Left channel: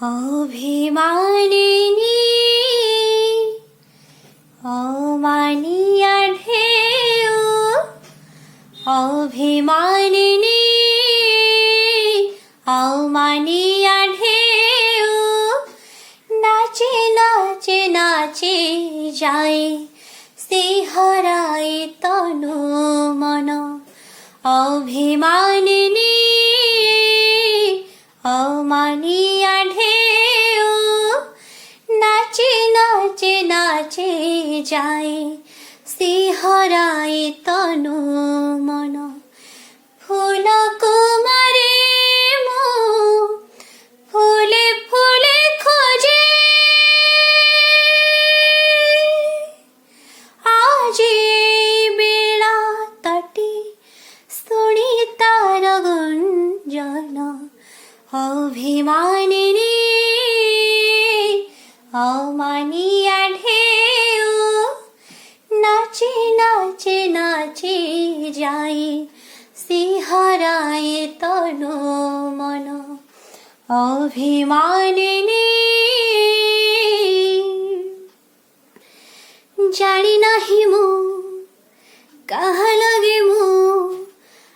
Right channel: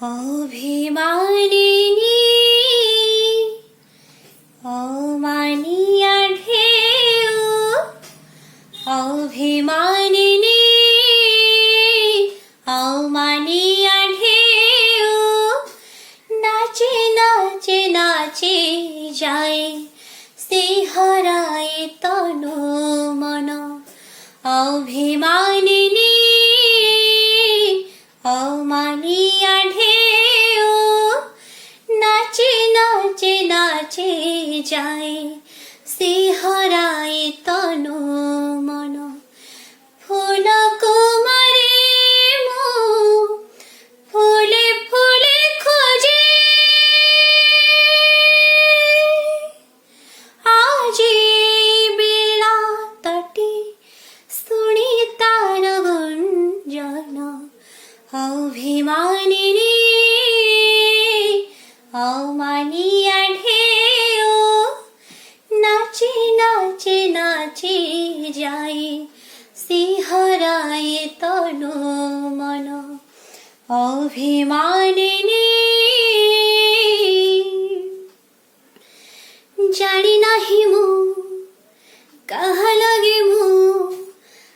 অভিমানিনী অমানিয়া ঢেউ অভিমানিনী অমানিয়া ঢেউ নাচে নাচে নাচে যায় শিহরায় তনু মন অভিমানিনী অমানিয়া ঢেউ নাচে নাচে নাচে যায় শিহরায় তনু মন ফুল কুমারে মো ফুলে ফুলে খোঁজে আজি বেলা তটে শুনি তার গুঞ্জন অভিমানিনী অমানিয়া ঢেউ নাচে নাচে নাচে যায় শিহরায় তনু মন অভিমানিনী জানি নাহি মু কাহা লাগে মু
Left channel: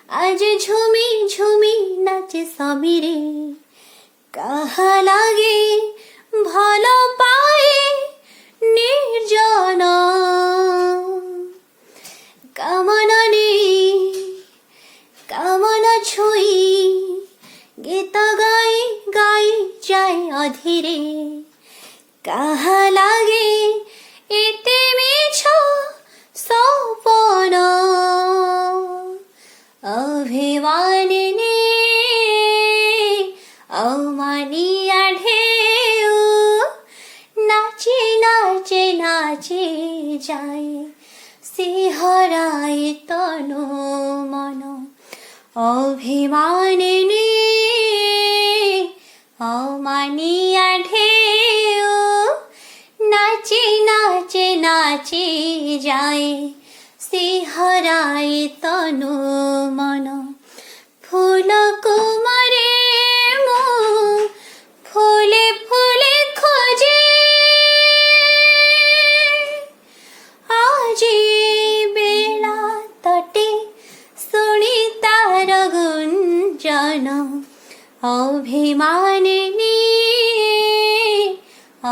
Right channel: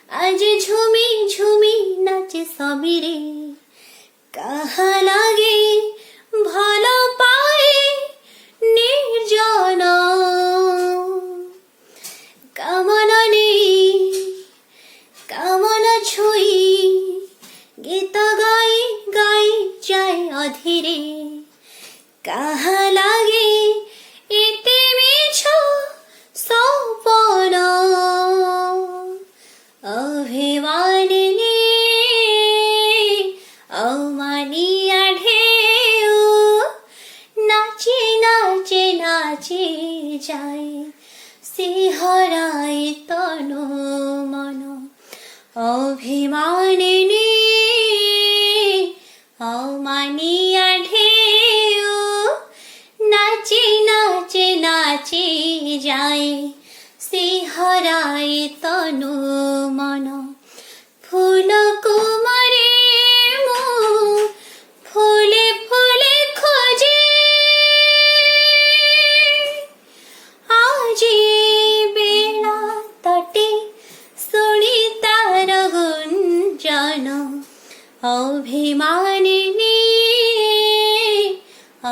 আজ ঝুমি ঝুমি নাচে সবিরে কাহা লাগে ভাল পায়ে নির্জন কামনা নেই কামনা ছুই গীত গাই গাই যায় অধীরে কাহা লাগে এতে মিছ সপন অভিমানিনী অমানিয়া ঢেউ নাচে নাচে নাচে যায় শিহরায় তনু মন অভিমানিনী অমানিয়া ঢেউ নাচে নাচে নাচে যায় শিহরায় তনু মন ফুল কুমারে মো ফুলে ফুলে খোঁজে আজি বেলা তটে শুনি তার গুঞ্জন অভিমানিনী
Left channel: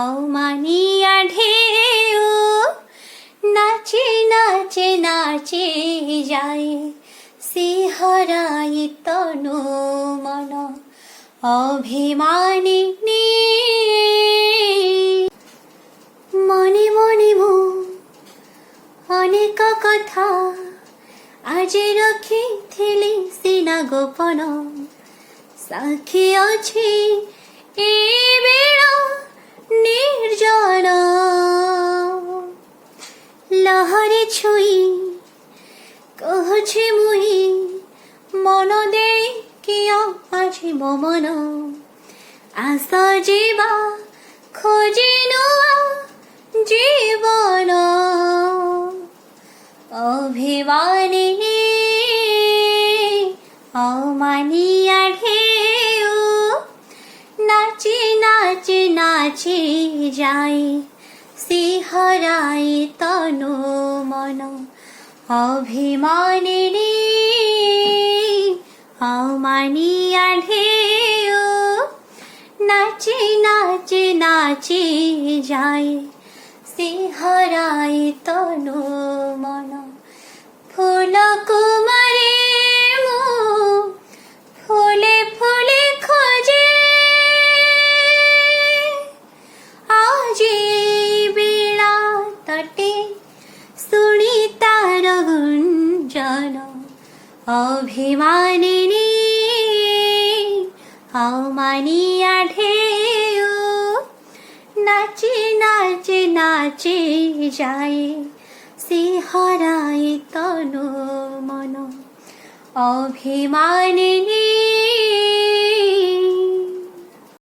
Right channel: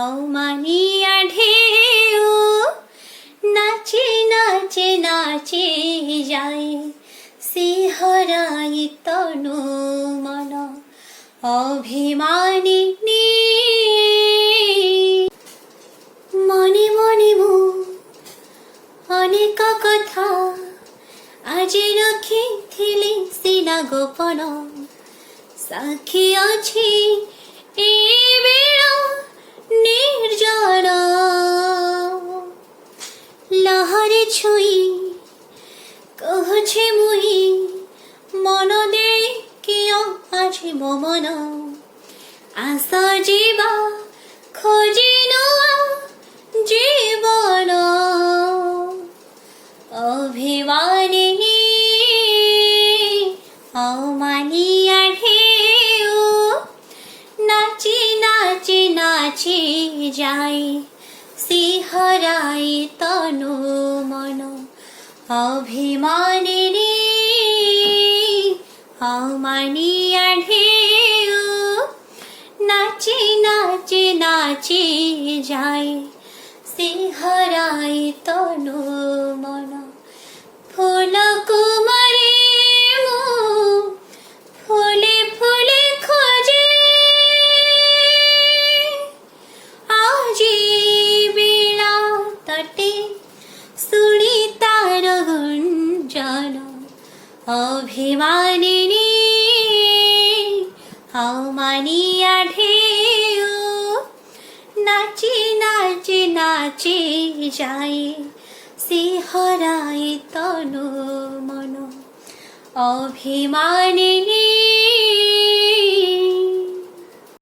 অমানিয়া ঢেউ নাচে নাচে নাচে যায় শিহরায় তনু মন অভিমানিনী মনে মনে মো অনেক কথা আজ রখিଥିଲି সিনা গোপন সাক্ষী ଅଛି এ বেলা নির্জন লহরে ছুই কହୁଛି মুই মন দেই কিয় আজি ମୋ ମନ আস ଯିବା ଖୋଜି ନୂଆ জীবন অভিমানিনী অমানিয়া ঢেউ নাচে নাচে নাচে যায় শিহরায় তনু মন অভিমানিনী অমানিয়া ঢেউ নাচে নাচে নাচে যায় শিহরায় তনু মন ফুল কুমারে মো ফুলে ফুলে খোঁজে আজি বেলা তটে শুনি তার গুঞ্জন অভিমানিনী অমানিয়া ঢেউ নাচে নাচে নাচে যায় শিহরায় তনু মন অভিমানিনী।